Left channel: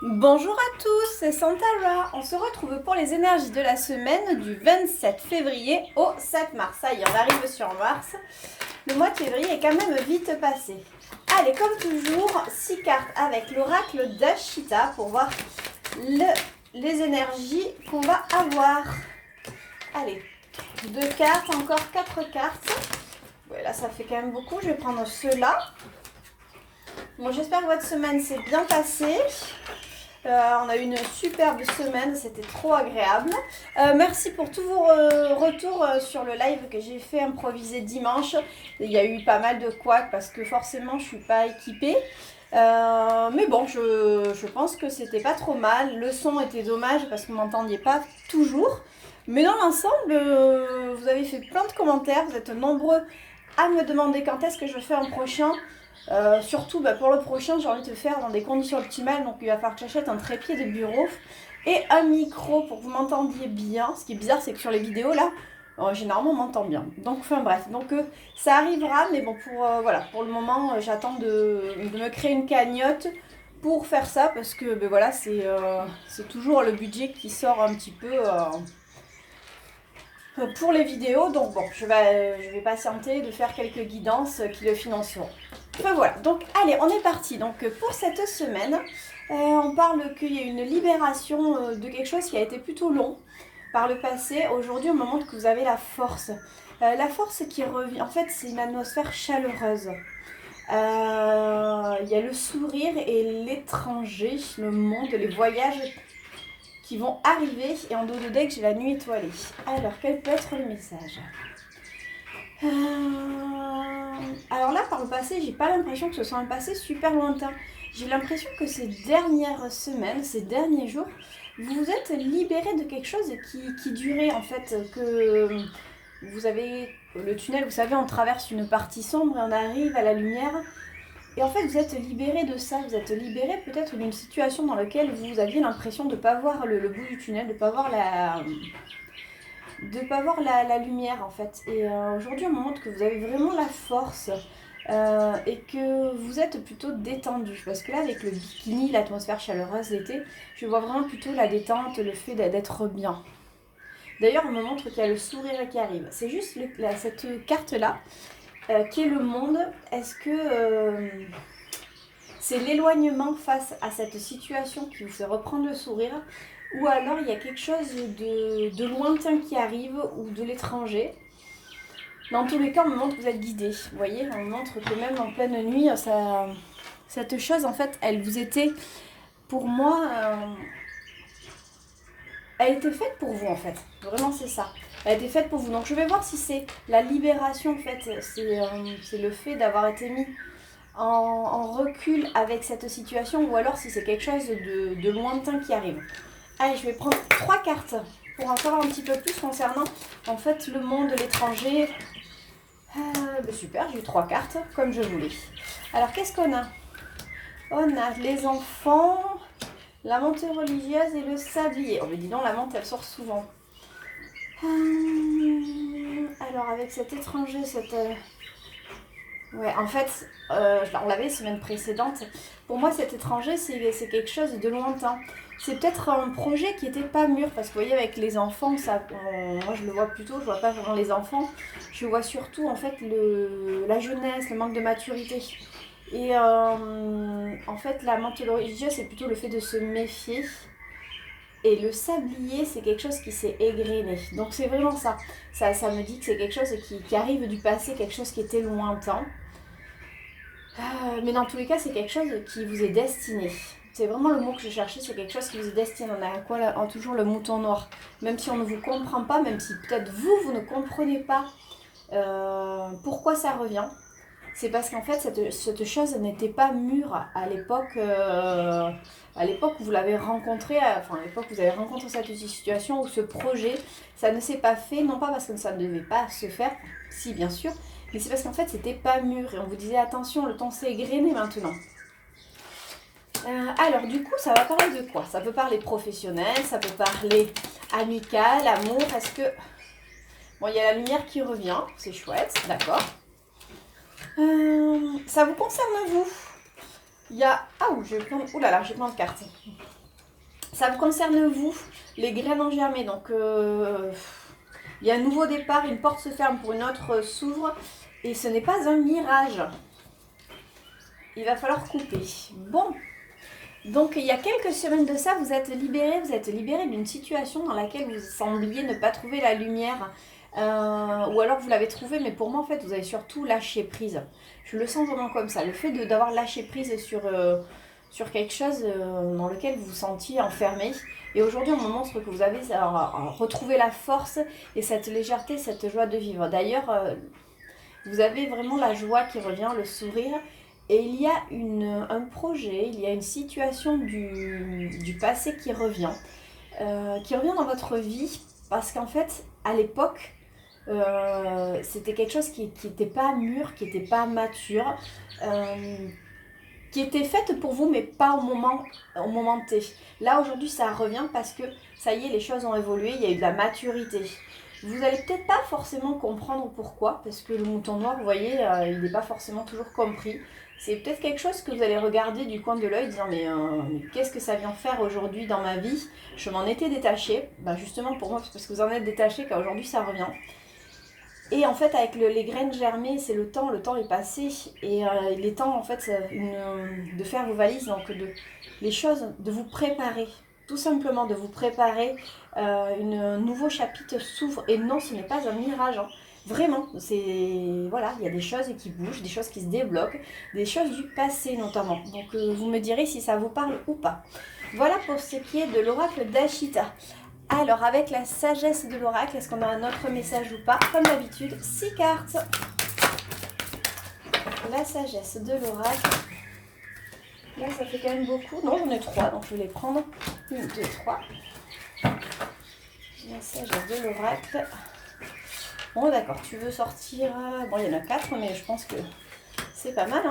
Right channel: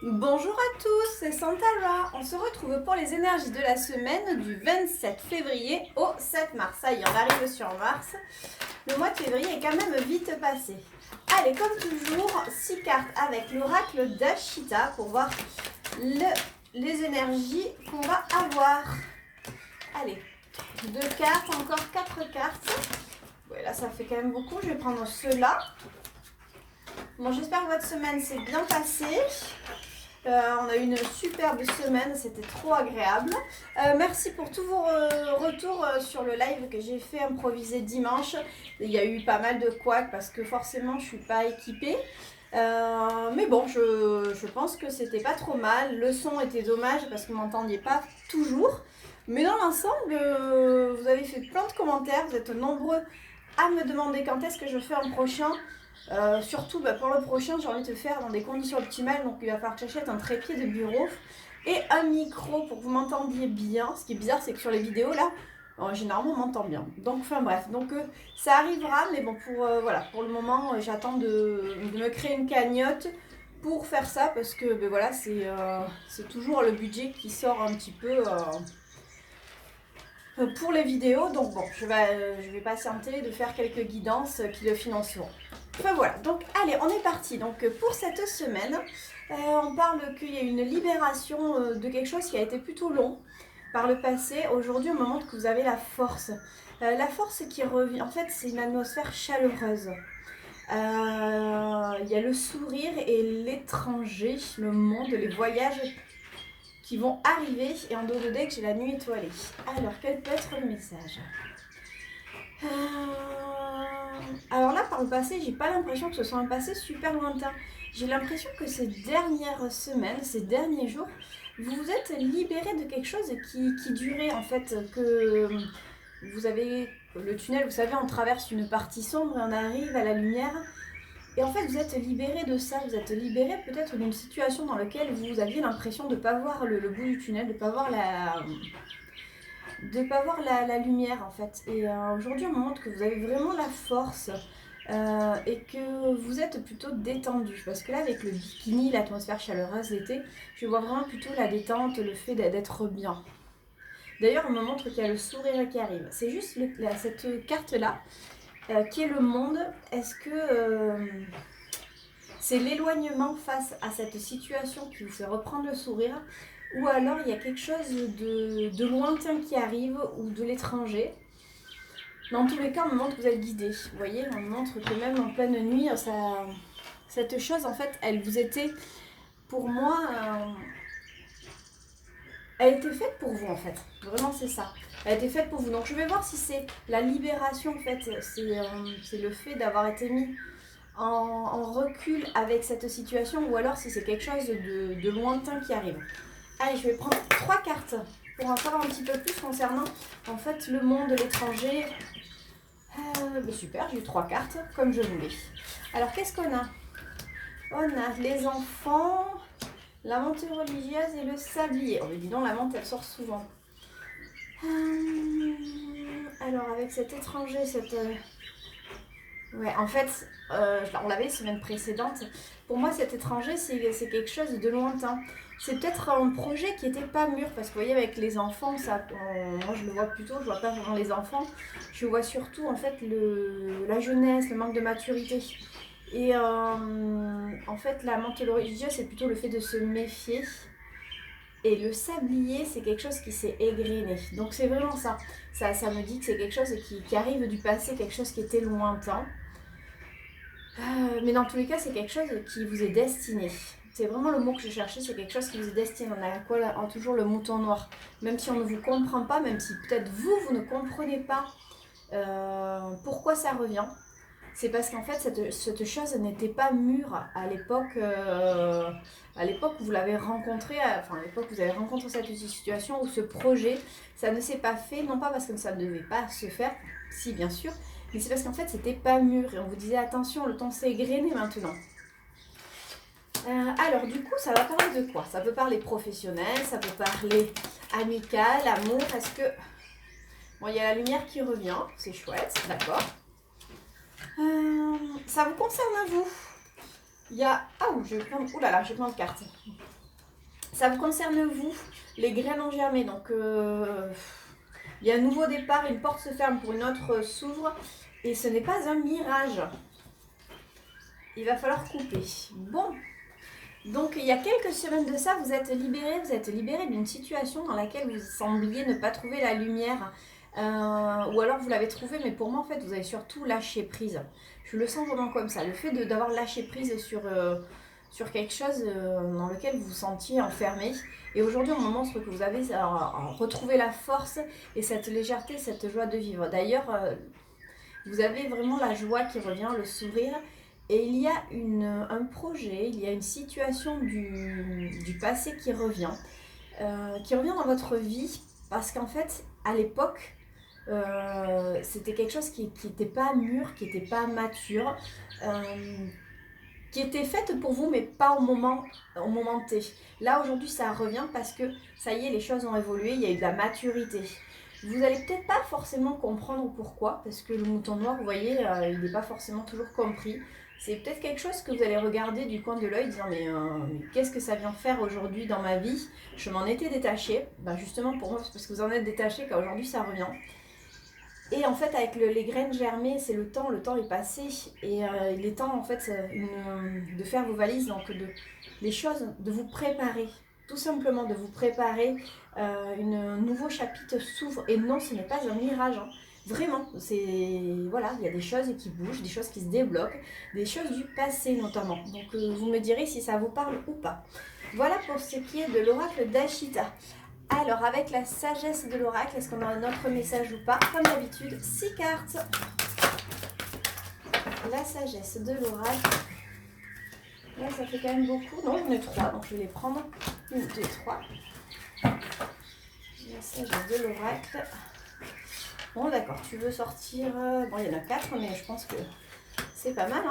Bonjour à tous, c'est Santara. On se retrouve pour les énergies de la semaine du 27 février au 7 mars. Ça y est, on arrive sur mars. Le mois de février est quand même vite passé. Allez, comme toujours, 6 cartes avec l'oracle d'Ashita pour voir les énergies qu'on va avoir. Allez, 2 cartes, encore 4 cartes. Ouais, là, ça fait quand même beaucoup. Je vais prendre ceux-là. Bon, j'espère que votre semaine s'est bien passée. On a eu une superbe semaine, c'était trop agréable. Merci pour tous vos retours sur le live que j'ai fait improviser dimanche. Il y a eu pas mal de couacs parce que forcément je suis pas équipée. Mais bon, je pense que c'était pas trop mal. Le son était dommage parce que vous m'entendiez pas toujours. Mais dans l'ensemble, vous avez fait plein de commentaires, vous êtes nombreux à me demander quand est-ce que je fais un prochain. Surtout pour le prochain, j'ai envie de le faire dans des conditions optimales. Donc il va falloir que j'achète un trépied de bureau et un micro pour que vous m'entendiez bien. Ce qui est bizarre, c'est que sur les vidéos là, généralement on m'entend bien. Donc enfin bref, donc ça arrivera. Mais bon, pour le moment, j'attends de me créer une cagnotte pour faire ça parce que voilà, c'est toujours le budget qui sort un petit peu pour les vidéos. Donc bon, je vais patienter de faire quelques guidances qui le financeront. Enfin voilà, donc allez, on est parti. Donc pour cette semaine, on parle qu'il y a une libération de quelque chose qui a été plutôt long par le passé. Aujourd'hui, on me montre que vous avez la force. La force qui revient, en fait, c'est une atmosphère chaleureuse. Il y a le sourire et l'étranger, le monde, les voyages qui vont arriver. Et en dos de deck, j'ai la nuit étoilée. Alors, quel peut être le message ? Alors là, par le passé, j'ai pas l'impression que ce soit un passé super lointain. J'ai l'impression que ces dernières semaines, ces derniers jours, vous vous êtes libéré de quelque chose qui durait en fait, que vous avez le tunnel, vous savez, on traverse une partie sombre et on arrive à la lumière. Et en fait, vous êtes libéré de ça, vous êtes libéré peut-être d'une situation dans laquelle vous aviez l'impression de ne pas voir le bout du tunnel, de ne pas voir la lumière en fait. Et aujourd'hui, on me montre que vous avez vraiment la force et que vous êtes plutôt détendu. Parce que là, avec le bikini, l'atmosphère chaleureuse d'été, je vois vraiment plutôt la détente, le fait d'être bien. D'ailleurs, on me montre qu'il y a le sourire qui arrive. C'est juste cette carte-là qui est le monde. Est-ce que c'est l'éloignement face à cette situation qui vous fait reprendre le sourire ? Ou alors il y a quelque chose de lointain qui arrive ou de l'étranger. Dans tous les cas, on me montre que vous êtes guidé. Vous voyez, on me montre que même en pleine nuit, cette chose, en fait, elle vous était, pour moi, elle était faite pour vous, en fait. Vraiment, c'est ça. Elle était faite pour vous. Donc, je vais voir si c'est la libération, en fait. C'est le fait d'avoir été mis en recul avec cette situation ou alors si c'est quelque chose de lointain qui arrive. Allez, je vais prendre 3 cartes pour en savoir un petit peu plus concernant en fait le monde, l'étranger. Super, j'ai eu 3 cartes comme je voulais. Alors qu'est-ce qu'on a ? On a les enfants, la menthe religieuse et le sablier. Oh mais dis donc, la menthe elle sort souvent. Alors avec cet étranger, ouais, en fait, on l'avait la semaine précédente. Pour moi, cet étranger, c'est quelque chose de lointain. C'est peut-être un projet qui n'était pas mûr, parce que vous voyez, avec les enfants, moi je le vois plutôt, je vois pas vraiment les enfants, je vois surtout en fait la jeunesse, le manque de maturité. Et en fait, la menthe religieuse, c'est plutôt le fait de se méfier. Et le sablier, c'est quelque chose qui s'est égrené. Donc c'est vraiment ça. Ça me dit que c'est quelque chose qui arrive du passé, quelque chose qui était lointain. Mais dans tous les cas, c'est quelque chose qui vous est destiné. C'est vraiment le mot que je cherchais, c'est quelque chose qui vous est destiné. On a quoi là, toujours le mouton noir. Même si on ne vous comprend pas, même si peut-être vous ne comprenez pas pourquoi ça revient, c'est parce qu'en fait, cette chose n'était pas mûre à l'époque. À l'époque où vous l'avez rencontré, enfin à l'époque où vous avez rencontré cette situation ou ce projet, ça ne s'est pas fait, non pas parce que ça ne devait pas se faire, si bien sûr, mais c'est parce qu'en fait c'était pas mûr et on vous disait attention, le temps s'est égrené maintenant. Alors du coup ça va parler de quoi ? Ça peut parler professionnel, ça peut parler amical, amour, est-ce que... Bon, il y a la lumière qui revient, c'est chouette, d'accord. Ça vous concerne vous ? Il y a... Ah, j'ai plein de cartes. Ça vous concerne vous, les graines ont germé. Donc il y a un nouveau départ, une porte se ferme pour une autre s'ouvre. Et ce n'est pas un mirage. Il va falloir couper. Bon. Donc il y a quelques semaines de ça, vous êtes libéré d'une situation dans laquelle vous sembliez ne pas trouver la lumière. Ou alors vous l'avez trouvé, mais pour moi en fait vous avez surtout lâché prise. Je le sens vraiment comme ça, le fait d'avoir lâché prise sur quelque chose dans lequel vous vous sentiez enfermé. Et aujourd'hui on me montre que vous avez retrouvé la force et cette légèreté, cette joie de vivre. D'ailleurs, vous avez vraiment la joie qui revient, le sourire. Et il y a un projet, il y a une situation du passé qui revient dans votre vie. Parce qu'en fait, à l'époque, c'était quelque chose qui n'était pas mûr, qui n'était pas mature, qui était faite pour vous, mais pas au moment T. Là, aujourd'hui, ça revient parce que, ça y est, les choses ont évolué, il y a eu de la maturité. Vous n'allez peut-être pas forcément comprendre pourquoi, parce que le mouton noir, vous voyez, il n'est pas forcément toujours compris. C'est peut-être quelque chose que vous allez regarder du coin de l'œil, dire mais qu'est-ce que ça vient faire aujourd'hui dans ma vie? Je m'en étais détachée. Justement pour moi, c'est parce que vous en êtes détaché qu'aujourd'hui ça revient. Et en fait, avec les graines germées, c'est le temps est passé. Et il est temps en fait de faire vos valises, donc les choses, de vous préparer. Tout simplement de vous préparer. Un nouveau chapitre s'ouvre. Et non, ce n'est pas un mirage. Vraiment, voilà, il y a des choses qui bougent, des choses qui se débloquent, des choses du passé notamment. Donc vous me direz si ça vous parle ou pas. Voilà pour ce qui est de l'oracle d'Ashita. Alors avec la sagesse de l'oracle, est-ce qu'on a un autre message ou pas? Comme d'habitude, 6 cartes. La sagesse de l'oracle. Là ça fait quand même beaucoup. Non, j'en ai 3, donc je vais les prendre. 1, 2, 3. La sagesse de l'oracle. Bon d'accord, tu veux sortir... Bon, il y en a 4, mais je pense que c'est pas mal.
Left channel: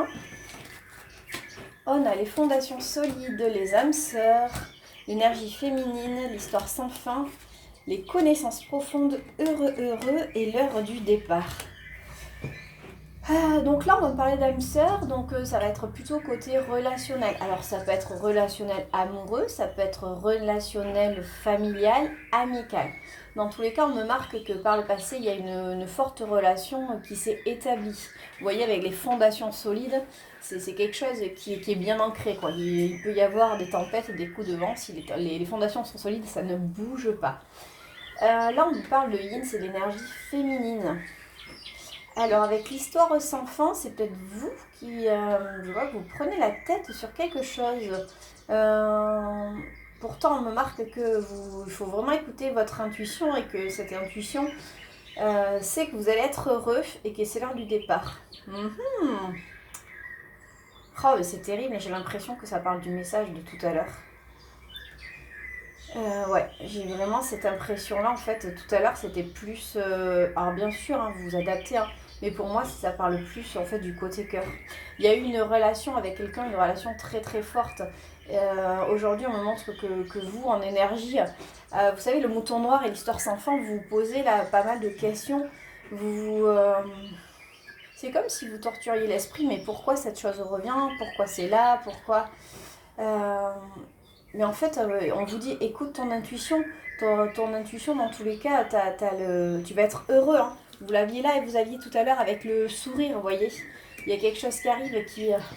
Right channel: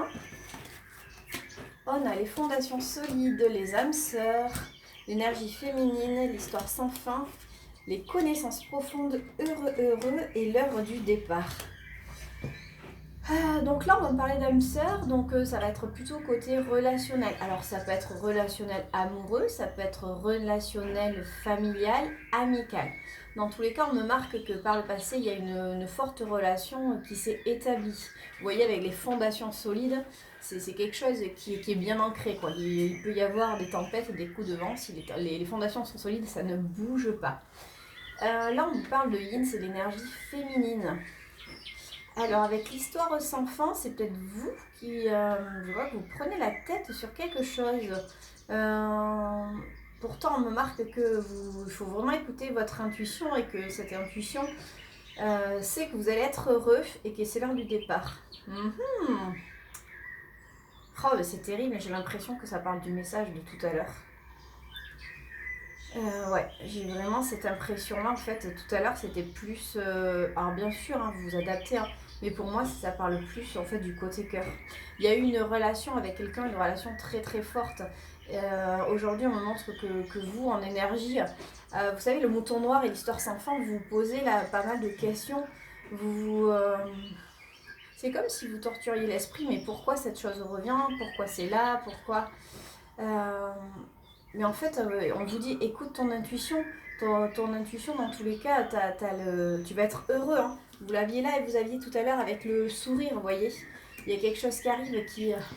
On a les fondations solides, les âmes sœurs, l'énergie féminine, l'histoire sans fin, les connaissances profondes, heureux et l'heure du départ. Donc là, on va parler d'âme sœur, donc ça va être plutôt côté relationnel. Alors ça peut être relationnel amoureux, ça peut être relationnel familial, amical. Dans tous les cas, on me marque que par le passé, il y a une forte relation qui s'est établie. Vous voyez, avec les fondations solides, c'est quelque chose qui est bien ancré, quoi. Il peut y avoir des tempêtes, des coups de vent, si les fondations sont solides, ça ne bouge pas. Là, on vous parle de yin, c'est l'énergie féminine. Alors, avec l'histoire sans fin, c'est peut-être vous qui, je vois que vous prenez la tête sur quelque chose. Pourtant, on me marque il faut vraiment écouter votre intuition et que cette intuition sait que vous allez être heureux et que c'est l'heure du départ. Oh, mais c'est terrible, mais j'ai l'impression que ça parle du message de tout à l'heure. Ouais, j'ai vraiment cette impression-là. En fait, tout à l'heure, c'était plus... alors bien sûr, vous vous adaptez, mais pour moi, ça parle plus en fait du côté cœur. Il y a eu une relation avec quelqu'un, une relation très très forte. Aujourd'hui, on me montre que vous, en énergie, vous savez, le mouton noir et l'histoire sans fin, vous vous posez là pas mal de questions. C'est comme si vous torturiez l'esprit, mais pourquoi cette chose revient? Pourquoi c'est là? Pourquoi Mais en fait, on vous dit, écoute ton intuition. Ton intuition, dans tous les cas, tu vas être heureux. Vous l'aviez là et vous aviez tout à l'heure avec le sourire, vous voyez. Il y a quelque chose qui arrive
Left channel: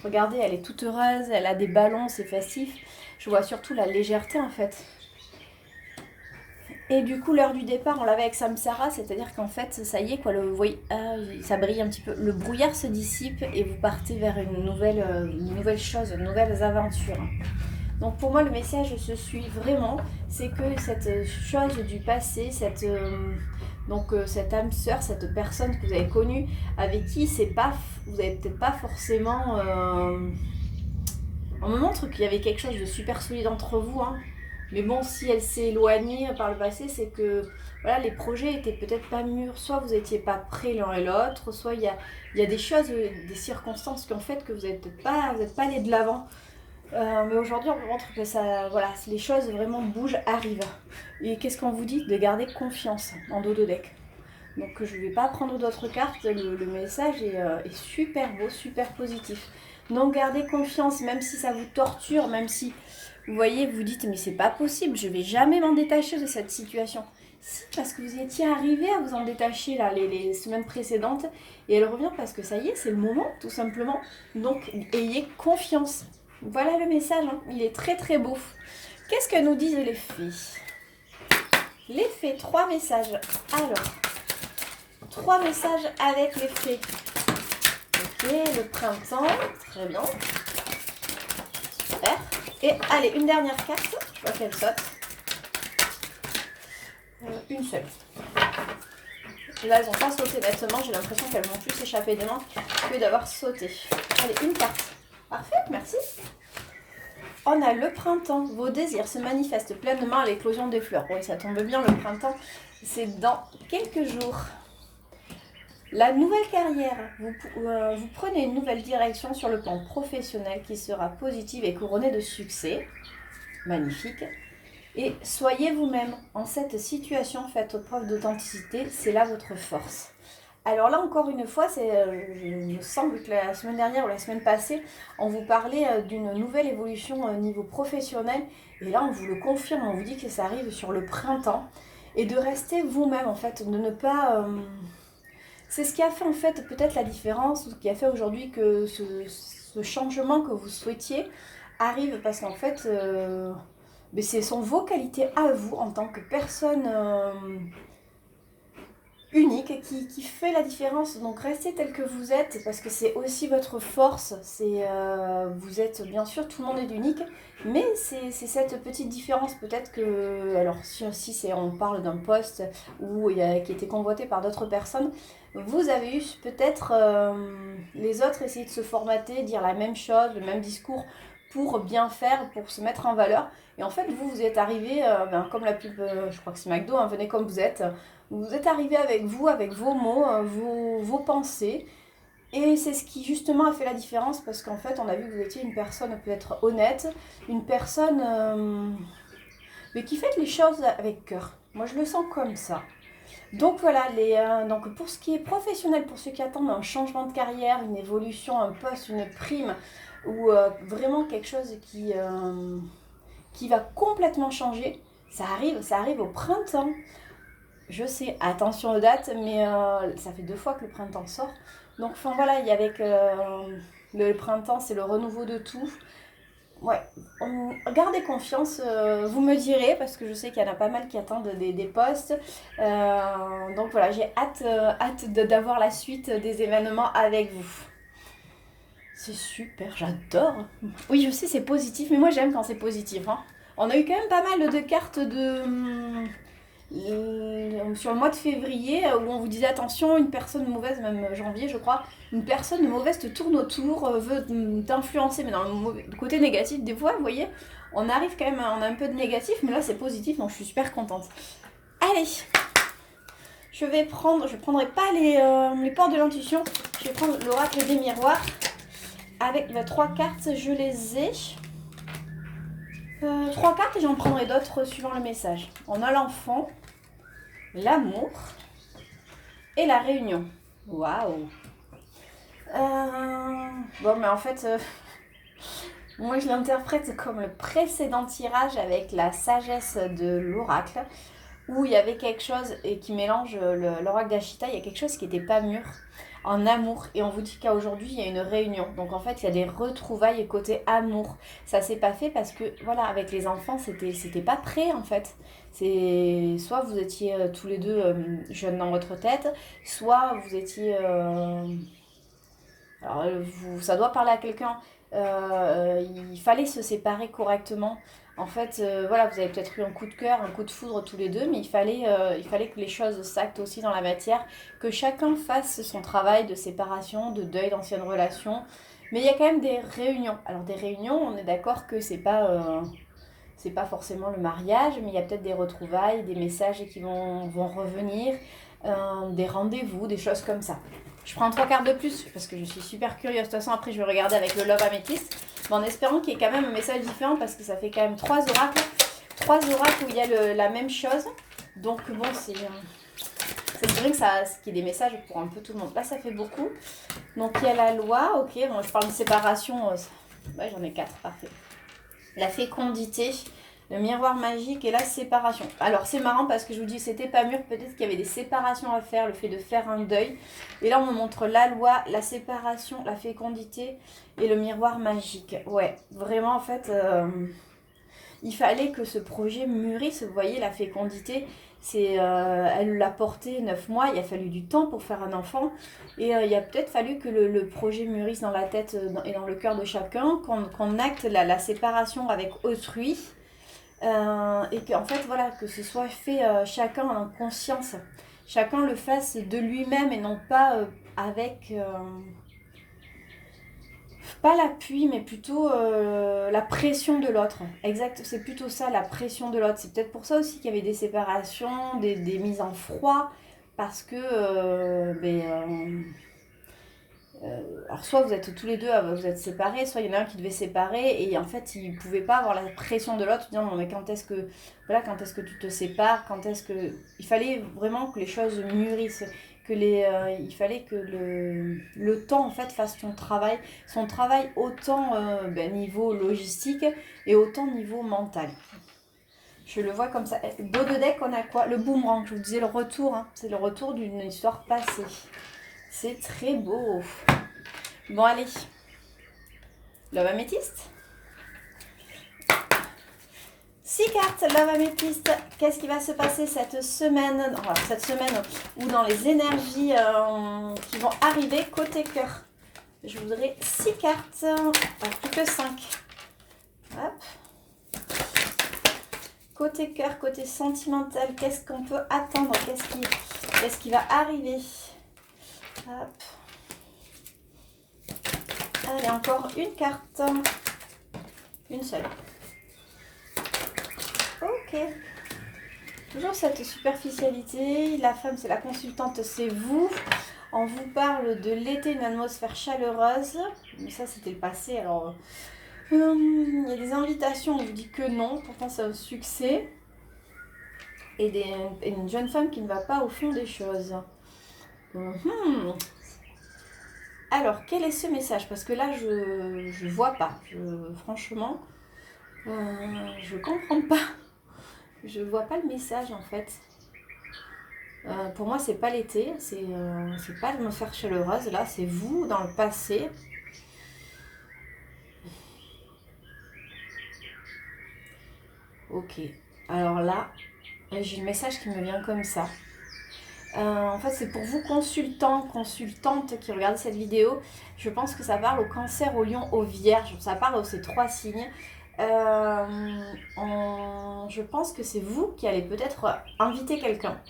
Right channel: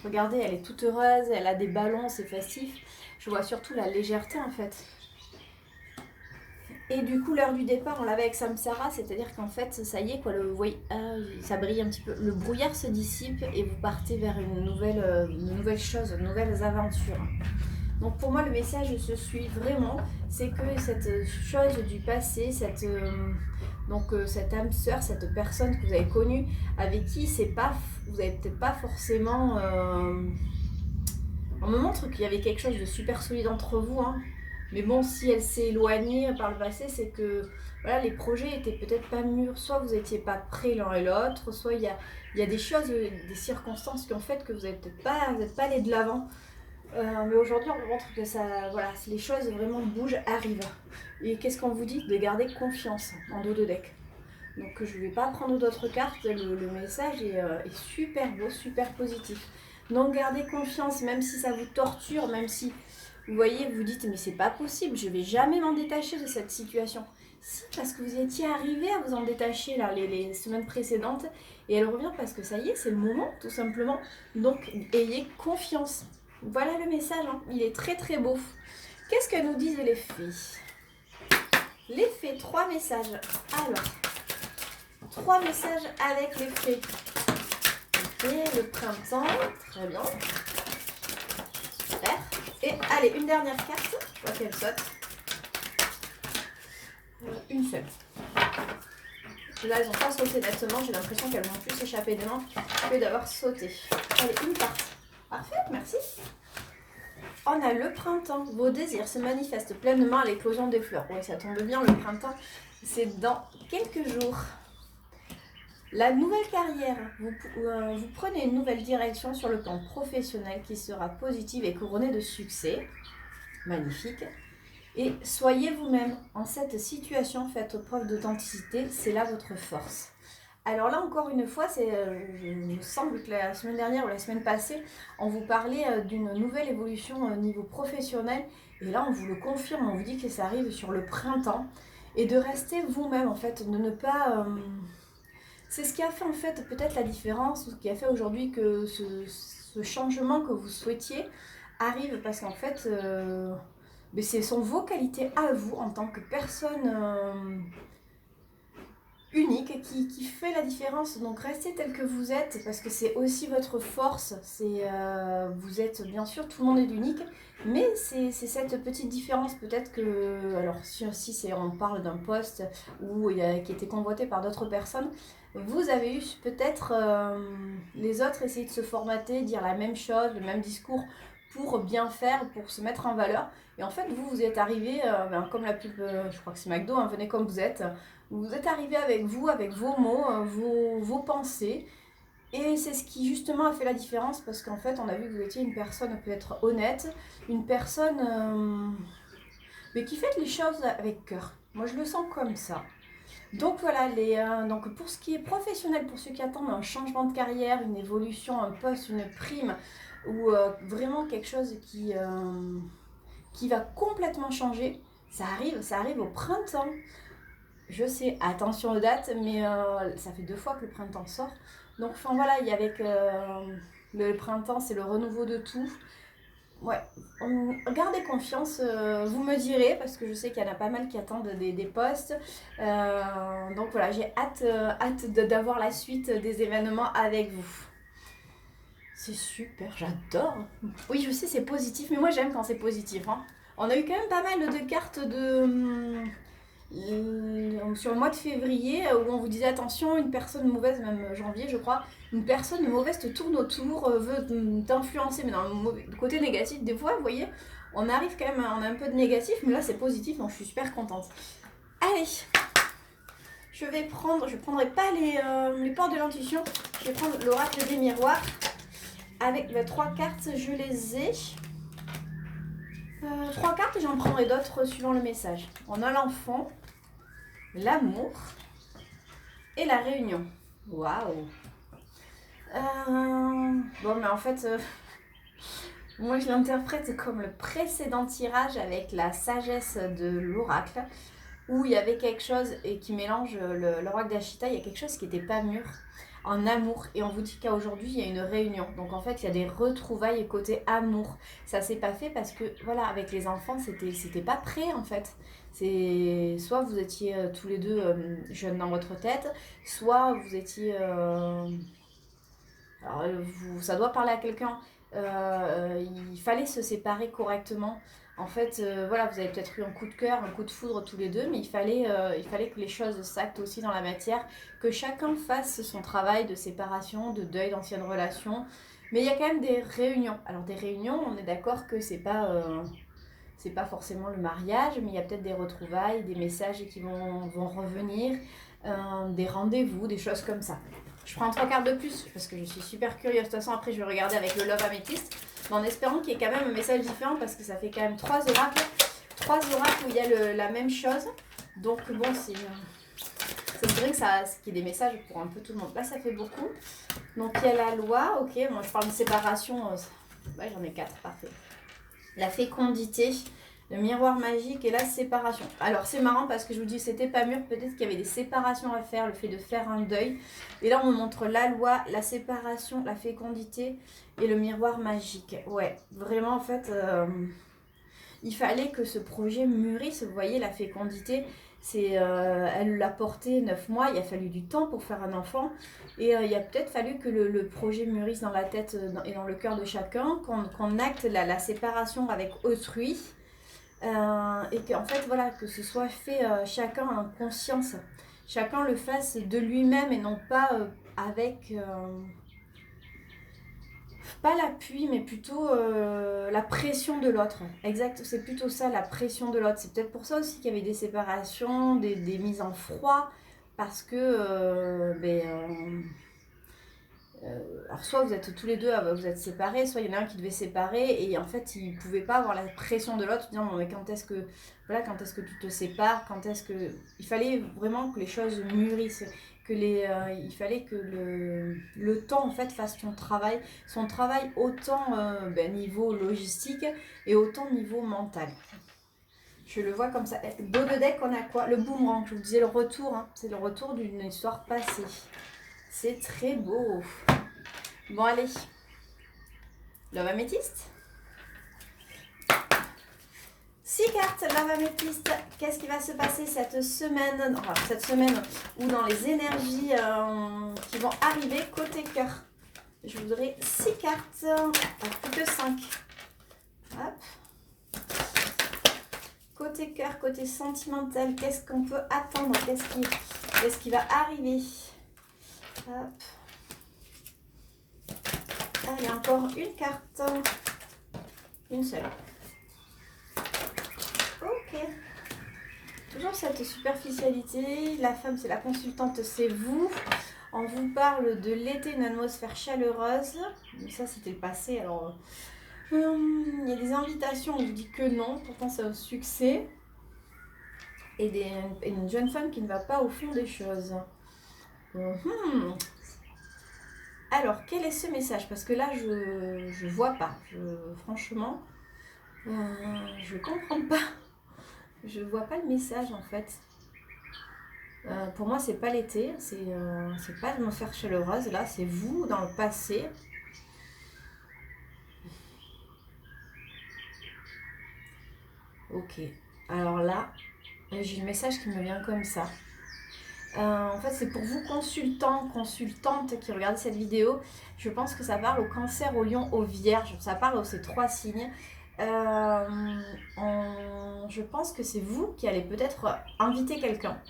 regardez, elle est toute heureuse, elle a des ballons, c'est festif. Je vois surtout la légèreté en fait. Et du coup, l'heure du départ, on l'avait avec Samsara, c'est-à-dire qu'en fait, ça y est, quoi, vous voyez, ça brille un petit peu. Le brouillard se dissipe et vous partez vers une nouvelle chose, de nouvelles aventures. Donc pour moi, le message se suit vraiment, c'est que cette chose du passé, cette âme sœur, cette personne que vous avez connue, avec qui vous n'avez peut-être pas forcément... On me montre qu'il y avait quelque chose de super solide entre vous, Mais bon, si elle s'est éloignée par le passé, c'est que voilà, les projets étaient peut-être pas mûrs. Soit vous n'étiez pas prêts l'un et l'autre, soit il y a des choses, des circonstances qui ont fait que vous n'êtes pas allé de l'avant. Mais aujourd'hui, on vous montre que les choses vraiment bougent, arrivent. Et qu'est-ce qu'on vous dit? De garder confiance en dos de deck. Donc je ne vais pas prendre d'autres cartes, le message est super beau, super positif. Donc gardez confiance, même si ça vous torture, même si Vous voyez, vous dites, mais c'est pas possible, je vais jamais m'en détacher de cette situation. Si, parce que vous étiez arrivé à vous en détacher là, les semaines précédentes, et elle revient parce que ça y est, c'est le moment, tout simplement. Donc, ayez confiance. Voilà le message, hein. Il est très très beau. Qu'est-ce que nous disent les fées? Les fées, 3 messages. Alors, 3 messages avec les fées. Ok, le printemps, très bien. Super. Et allez, une dernière carte, je vois qu'elle saute. Une seule. Là, elles n'ont pas sauté nettement, j'ai l'impression qu'elles vont plus s'échapper des mains que d'avoir sauté. Allez, une carte. Parfait, merci. On a le printemps. Vos désirs se manifestent pleinement à l'éclosion des fleurs. Oui, ça tombe bien, le printemps, c'est dans quelques jours. La nouvelle carrière. Vous prenez une nouvelle direction sur le plan professionnel qui sera positive et couronnée de succès. Magnifique. Et soyez vous-même. En cette situation, faites preuve d'authenticité. C'est là votre force. Alors là, encore une fois, il me semble que la semaine dernière ou la semaine passée, on vous parlait d'une nouvelle évolution au niveau professionnel. Et là, on vous le confirme, on vous dit que ça arrive sur le printemps. Et de rester vous-même, en fait, de ne pas... C'est ce qui a fait, en fait, peut-être la différence, ce qui a fait aujourd'hui que ce changement que vous souhaitiez arrive. Parce qu'en fait, mais ce sont vos qualités à vous, en tant que personne... unique qui fait la différence. Donc restez tel que vous êtes parce que c'est aussi votre force. Vous êtes bien sûr, tout le monde est unique, mais c'est cette petite différence peut-être que, alors si on parle d'un poste qui était convoité par d'autres personnes, vous avez eu peut-être les autres essayer de se formater, dire la même chose, le même discours pour bien faire, pour se mettre en valeur. Et en fait, vous êtes arrivé, comme la pub, je crois que c'est McDo, hein, venez comme vous êtes. Vous êtes arrivé avec vous, avec vos mots, vos pensées. Et c'est ce qui justement a fait la différence parce qu'en fait, on a vu que vous étiez une personne peut-être honnête, une personne mais qui fait les choses avec cœur. Moi, je le sens comme ça. Donc voilà, donc pour ce qui est professionnel, pour ceux qui attendent un changement de carrière, une évolution, un poste, une prime, ou vraiment quelque chose qui va complètement changer, ça arrive au printemps. Je sais, attention aux dates, mais ça fait 2 fois que le printemps sort. Donc enfin voilà, il y a avec le printemps, c'est le renouveau de tout. Ouais, gardez confiance, vous me direz, parce que je sais qu'il y en a pas mal qui attendent des postes. Donc voilà, j'ai hâte d'avoir la suite des événements avec vous. C'est super, j'adore. Oui, je sais, c'est positif, mais moi j'aime quand c'est positif, hein. On a eu quand même pas mal de cartes sur le mois de février où on vous disait attention, une personne mauvaise, même janvier je crois, une personne mauvaise te tourne autour, veut t'influencer, mais dans le côté négatif. Des fois, vous voyez, on arrive quand même, on a un peu de négatif, mais là c'est positif, donc je suis super contente. Allez, je prendrai pas les portes de l'intuition, je vais prendre l'oracle des miroirs. Avec 3 cartes, je les ai. 3 cartes et j'en prendrai d'autres suivant le message. On a l'enfant, l'amour et la réunion. Waouh. Bon, mais en fait, moi je l'interprète comme le précédent tirage avec la sagesse de l'oracle, où il y avait quelque chose et qui mélange l'oracle d'Ashita, il y a quelque chose qui n'était pas mûr en amour. Et on vous dit qu'aujourd'hui il y a une réunion. Donc en fait, il y a des retrouvailles côté amour. Ça s'est pas fait parce que, voilà, avec les enfants, c'était pas prêt en fait. C'est soit vous étiez tous les deux jeunes dans votre tête, soit vous étiez alors ça doit parler à quelqu'un. Il fallait se séparer correctement. En fait, voilà, vous avez peut-être eu un coup de cœur, un coup de foudre tous les deux, mais il fallait que les choses s'actent aussi dans la matière, que chacun fasse son travail de séparation, de deuil d'anciennes relations. Mais il y a quand même des réunions. Alors des réunions, on est d'accord que c'est pas forcément le mariage, mais il y a peut-être des retrouvailles, des messages qui vont revenir, des rendez-vous, des choses comme ça. Je prends 3 cartes de plus parce que je suis super curieuse. De toute façon, après, je vais regarder avec le Love Amethyst. Mais en espérant qu'il y ait quand même un message différent parce que ça fait quand même 3 oracles. 3 oracles où il y a la même chose. Donc, bon, ça me dirait qu'il y ait des messages pour un peu tout le monde. Là, ça fait beaucoup. Donc, il y a la loi. Ok, bon, je parle de séparation. Ouais, j'en ai 4. Parfait. la fécondité, le miroir magique et la séparation. Alors c'est marrant parce que je vous dis c'était pas mûr, peut-être qu'il y avait des séparations à faire, le fait de faire un deuil. Et là on me montre la loi, la séparation, la fécondité et le miroir magique. Ouais, vraiment en fait, il fallait que ce projet mûrisse. Vous voyez la fécondité, elle l'a porté 9 mois, il a fallu du temps pour faire un enfant. Et il a peut-être fallu que le projet mûrisse dans la tête et dans le cœur de chacun, qu'on acte la séparation avec autrui. Et qu'en fait, voilà, que ce soit fait chacun en conscience. Chacun le fasse de lui-même et non pas avec, pas l'appui, mais plutôt la pression de l'autre. Exact, c'est plutôt ça, la pression de l'autre. C'est peut-être pour ça aussi qu'il y avait des séparations, des mises en froid, parce que alors soit vous êtes tous les deux, vous êtes séparés, soit il y en a un qui devait séparer et en fait il ne pouvait pas avoir la pression de l'autre, disant mais quand est-ce que tu te sépares, quand est-ce que... Il fallait vraiment que les choses mûrissent, il fallait que le temps en fait fasse son travail autant niveau logistique et autant niveau mental. Je le vois comme ça. Beau de deck, on a quoi? Le boomerang, je vous disais le retour, hein. C'est le retour d'une histoire passée. C'est très beau. Bon, allez. Love améthyste. 6 cartes, Love améthyste. Qu'est-ce qui va se passer cette semaine? Alors, cette semaine ou dans les énergies qui vont arriver côté cœur. Je voudrais 6 cartes. Alors, plus que 5. Hop. Côté cœur, côté sentimental, qu'est-ce qu'on peut attendre? Qu'est-ce qui va arriver? Hop. Allez, encore une carte. Une seule. Ok. Toujours cette superficialité. La femme, c'est la consultante, c'est vous. On vous parle de l'été, une atmosphère chaleureuse. Mais ça, c'était le passé. Alors, il y a des invitations, on vous dit que non. Pourtant, c'est un succès. Et une jeune femme qui ne va pas au fond des choses. Alors, quel est ce message? Parce que là, je vois pas. Franchement, je comprends pas. Je vois pas le message en fait. Pour moi, c'est pas l'été, c'est pas l'atmosphère chaleureuse. Là, c'est vous dans le passé. Ok. Alors là, j'ai le message qui me vient comme ça. En fait, c'est pour vous consultants, consultantes qui regardent cette vidéo. Je pense que ça parle au Cancer, au Lion, au Vierge. Ça parle aux ces 3 signes. Je pense que c'est vous qui allez peut-être inviter quelqu'un.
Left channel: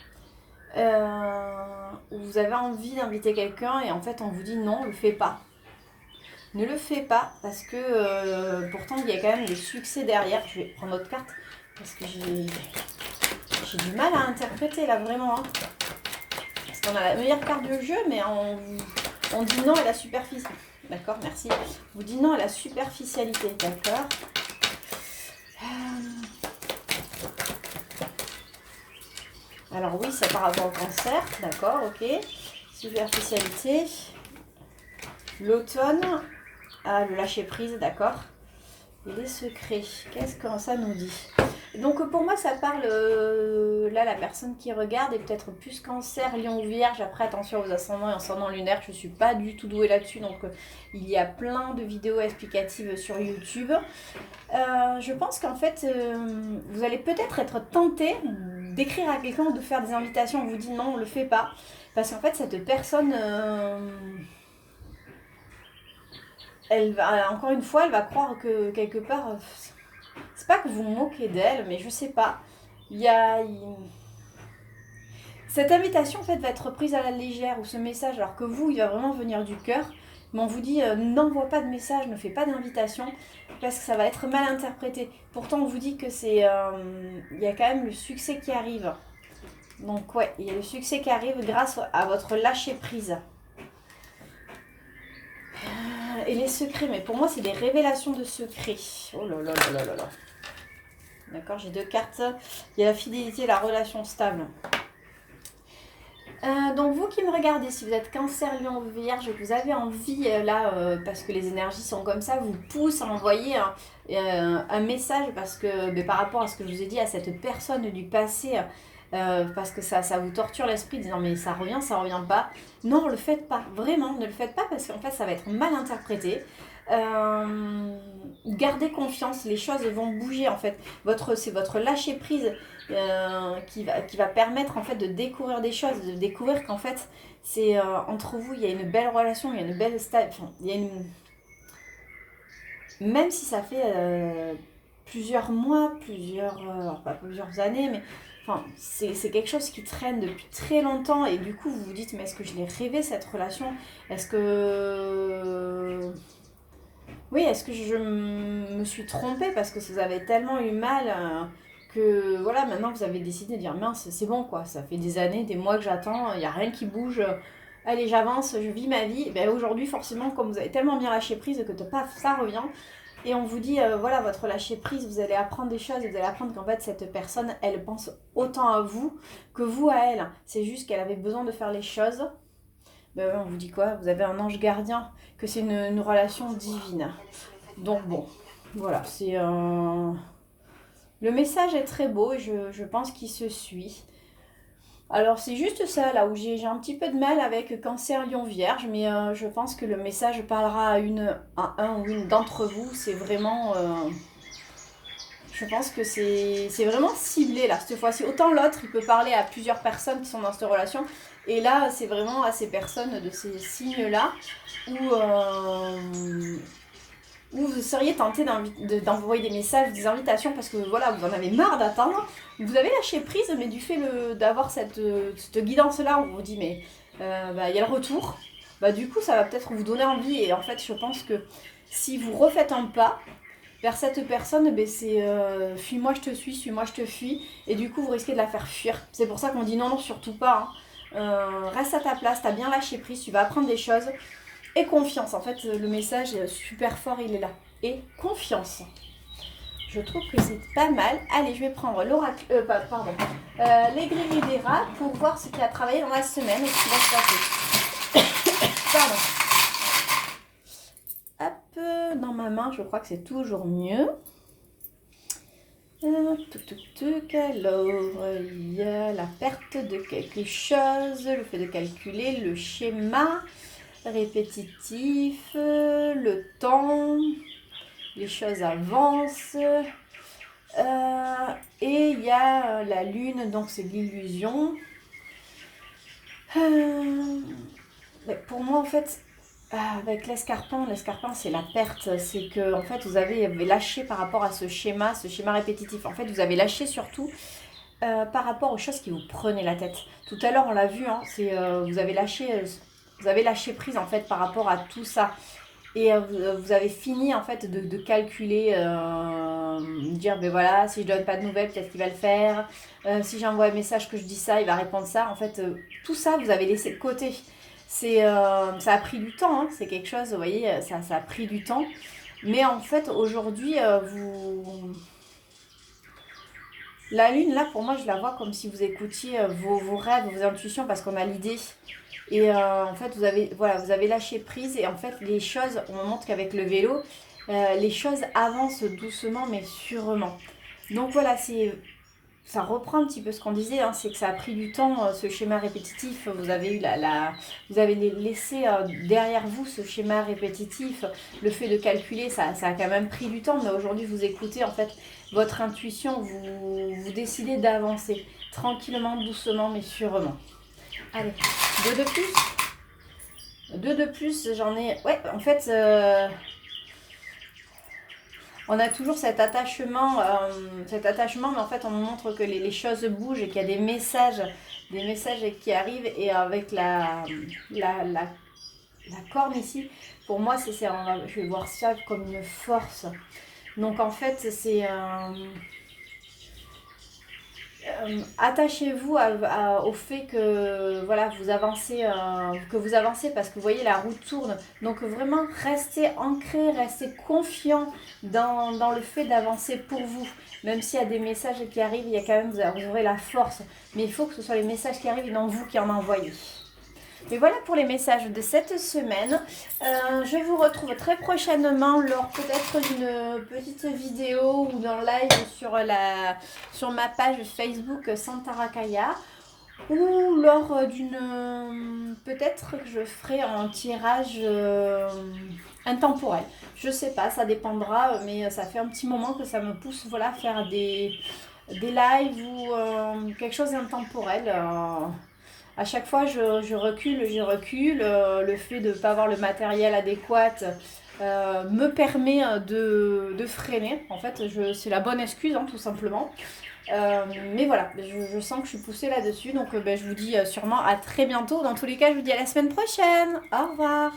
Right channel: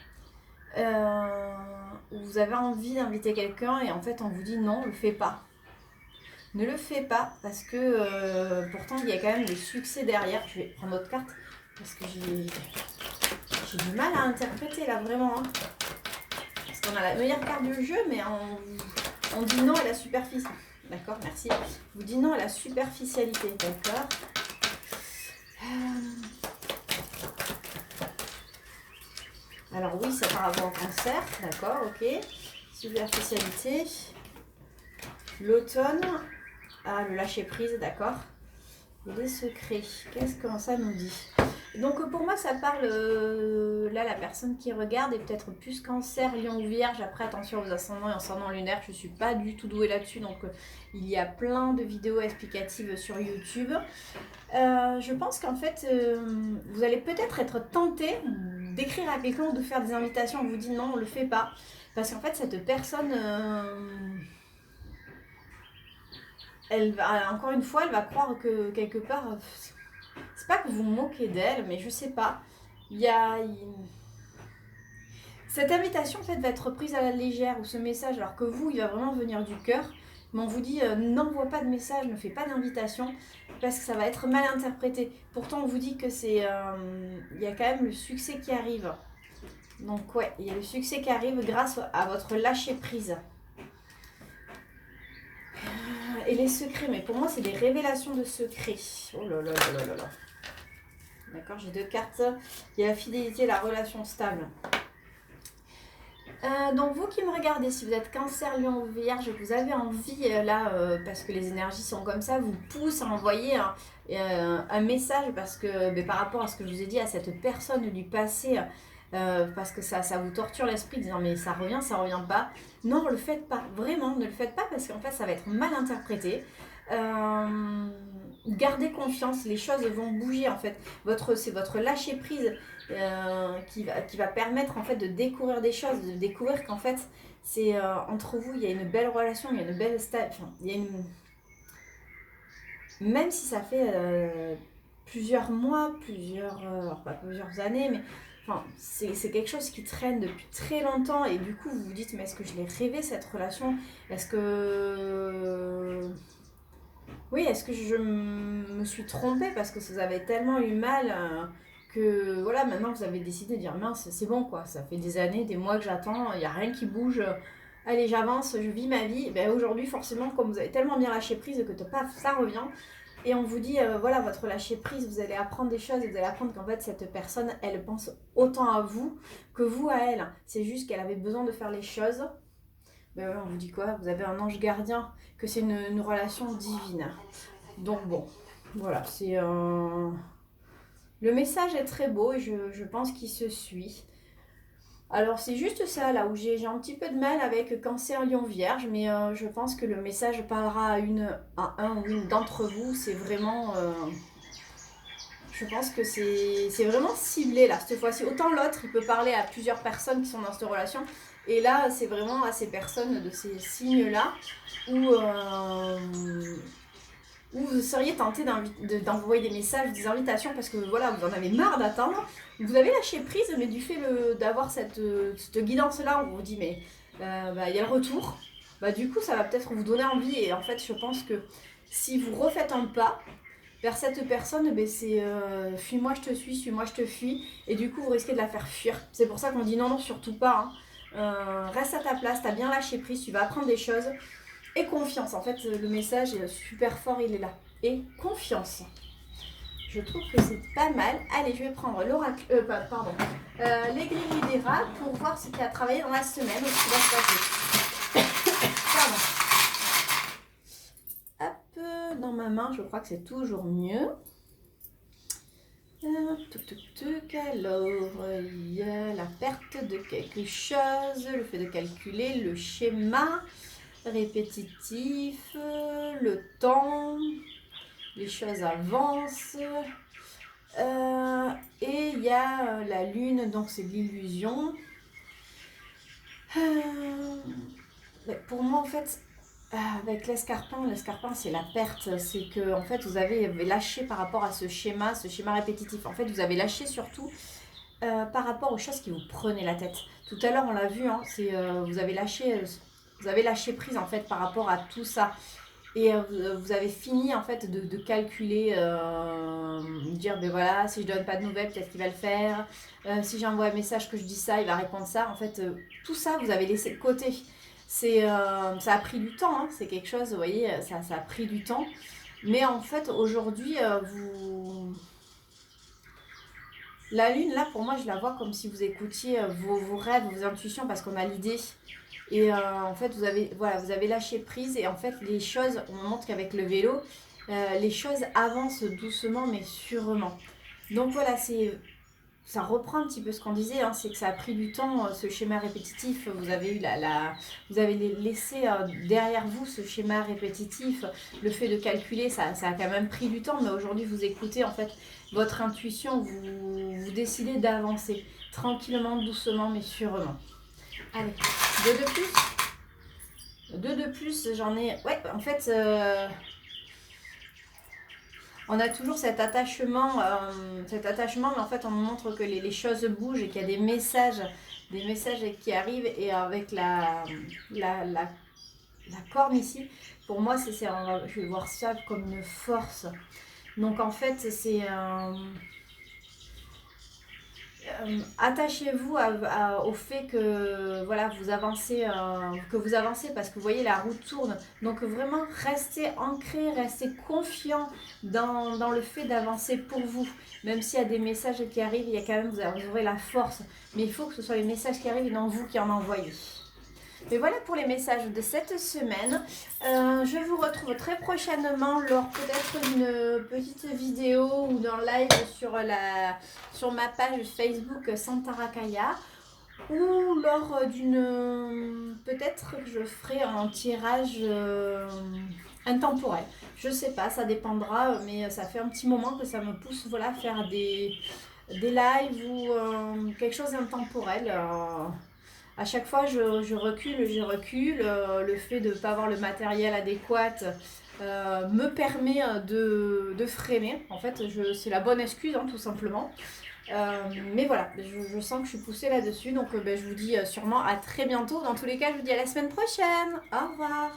Vous avez envie d'inviter quelqu'un et en fait on vous dit non, ne le fais pas. Ne le fais pas parce que pourtant il y a quand même des succès derrière. Je vais prendre autre carte parce que j'ai du mal à interpréter là vraiment. Hein. Parce qu'on a la meilleure carte du jeu mais on dit non à la superficie. D'accord, merci. Vous dites non à la superficialité, d'accord. Alors oui, c'est par rapport au cancer, d'accord, ok. Superficialité. L'automne. Ah, le lâcher prise, d'accord. Et les secrets, qu'est-ce que ça nous dit? Donc pour moi, ça parle, là, la personne qui regarde est peut-être plus Cancer, Lion ou Vierge. Après, attention aux ascendants et ascendants lunaires, je ne suis pas du tout douée là-dessus. Donc il y a plein de vidéos explicatives sur YouTube. Je pense qu'en fait, vous allez peut-être être tenté d'écrire à quelqu'un ou de faire des invitations. On vous dit non, on ne le fait pas. Parce qu'en fait, cette personne... elle va, encore une fois, elle va croire que quelque part, c'est pas que vous vous moquez d'elle, mais je sais pas. Cette invitation en fait va être prise à la légère ou ce message, alors que vous, il va vraiment venir du cœur. Mais on vous dit n'envoie pas de message, ne fais pas d'invitation, parce que ça va être mal interprété. Pourtant, on vous dit que c'est, il y a quand même le succès qui arrive. Donc ouais, il y a le succès qui arrive grâce à votre lâcher prise. Et les secrets, mais pour moi c'est des révélations de secrets. Oh là là là là là. D'accord, j'ai 2 cartes. Il y a la fidélité et la relation stable. Donc vous qui me regardez, si vous êtes Cancer, Lion, Vierge, et que vous avez envie, parce que les énergies sont comme ça, vous poussent à envoyer un message, parce que par rapport à ce que je vous ai dit, à cette personne du passé, parce que ça vous torture l'esprit, disant mais ça revient pas. Non, le faites pas, vraiment, ne le faites pas, parce qu'en fait ça va être mal interprété. Gardez confiance, les choses vont bouger en fait. C'est votre lâcher prise qui va permettre en fait de découvrir des choses, de découvrir qu'en fait c'est entre vous il y a une belle relation, il y a une belle même si ça fait plusieurs mois, pas plusieurs années, mais enfin, c'est quelque chose qui traîne depuis très longtemps et du coup vous vous dites mais est-ce que je l'ai rêvé cette relation? Est-ce que oui, est-ce que je me suis trompée parce que vous avez tellement eu mal que voilà, maintenant vous avez décidé de dire mince, c'est bon quoi, ça fait des années, des mois que j'attends, il n'y a rien qui bouge, allez j'avance, je vis ma vie. Et bien, aujourd'hui forcément, comme vous avez tellement bien lâché prise que paf, ça revient. Et on vous dit, voilà, votre lâcher prise, vous allez apprendre des choses, vous allez apprendre qu'en fait cette personne, elle pense autant à vous que vous à elle. C'est juste qu'elle avait besoin de faire les choses. Ben, on vous dit quoi? Vous avez un ange gardien, que c'est une relation divine. Donc bon, voilà, c'est un... Le message est très beau et je pense qu'il se suit. Alors c'est juste ça là où j'ai un petit peu de mal avec Cancer, Lion, Vierge, mais je pense que le message parlera à un ou une d'entre vous. C'est vraiment... je pense que c'est vraiment ciblé là, cette fois-ci. Autant l'autre, il peut parler à plusieurs personnes qui sont dans cette relation. Et là, c'est vraiment à ces personnes de ces signes-là où vous seriez tenté d'envoyer des messages, des invitations, parce que voilà, vous en avez marre d'attendre. Vous avez lâché prise, mais du fait d'avoir cette guidance-là, on vous dit, mais il y a le retour. Bah, du coup, ça va peut-être vous donner envie. Et en fait, je pense que si vous refaites un pas vers cette personne, c'est fuis-moi, je te suis-moi, je te fuis. Et du coup, vous risquez de la faire fuir. C'est pour ça qu'on dit non, non, surtout pas. Reste à ta place, t'as bien lâché prise, tu vas apprendre des choses. Et confiance, en fait, le message est super fort, il est là. Et confiance. Je trouve que c'est pas mal. Allez, je vais prendre l'oracle, l'aiguille des rats pour voir ce qui a travaillé dans la semaine et ce qui va se passer. Pardon. Hop, dans ma main, je crois que c'est toujours mieux. Alors, il y a la perte de quelque chose, le fait de calculer, le schéma répétitif, le temps, les choses avancent. Et il y a la lune, donc c'est l'illusion. Pour moi, en fait, avec l'escarpin c'est la perte. C'est que en fait, vous avez lâché par rapport à ce schéma répétitif. En fait, vous avez lâché surtout par rapport aux choses qui vous prenaient la tête. Tout à l'heure, on l'a vu, hein, vous avez lâché prise en fait par rapport à tout ça. Et vous avez fini en fait de calculer, dire ben voilà, si je donne pas de nouvelles, peut-être qu'il va le faire. Si j'envoie un message que je dis ça, il va répondre ça. En fait, tout ça, vous avez laissé de côté. Ça a pris du temps, hein, c'est quelque chose, vous voyez, ça a pris du temps. Mais en fait, aujourd'hui, la lune, là, pour moi, je la vois comme si vous écoutiez vos rêves, vos intuitions, parce qu'on a l'idée. Et en fait, vous avez lâché prise. Et en fait, les choses, on montre qu'avec le vélo, les choses avancent doucement, mais sûrement. Donc voilà, ça reprend un petit peu ce qu'on disait, hein, c'est que ça a pris du temps, ce schéma répétitif. Vous avez laissé derrière vous ce schéma répétitif. Le fait de calculer, ça a quand même pris du temps. Mais aujourd'hui, vous écoutez en fait votre intuition, vous décidez d'avancer tranquillement, doucement, mais sûrement. Allez, deux de plus. Deux de plus, j'en ai... Ouais, en fait, on a toujours cet attachement, mais en fait, on nous montre que les choses bougent et qu'il y a des messages qui arrivent. Et avec la corne ici, pour moi, je vais voir ça comme une force. Donc, en fait, c'est... attachez-vous au fait que voilà vous avancez parce que vous voyez la roue tourne, donc vraiment restez ancré, restez confiant dans le fait d'avancer pour vous, même s'il y a des messages qui arrivent, il y a quand même, vous aurez la force, mais il faut que ce soit les messages qui arrivent et non vous qui en envoyez. Mais voilà pour les messages de cette semaine. Je vous retrouve très prochainement lors peut-être d'une petite vidéo ou d'un live sur ma page Facebook Santarakaya. Ou lors d'une... Peut-être que je ferai un tirage intemporel. Je sais pas, ça dépendra, mais ça fait un petit moment que ça me pousse voilà, à faire des lives ou quelque chose d'intemporel. À chaque fois, je recule. Le fait de ne pas avoir le matériel adéquat me permet de freiner. En fait, c'est la bonne excuse, hein, tout simplement. Mais voilà, je sens que je suis poussée là-dessus. Donc, je vous dis sûrement à très bientôt. Dans tous les cas, je vous dis à la semaine prochaine. Au revoir.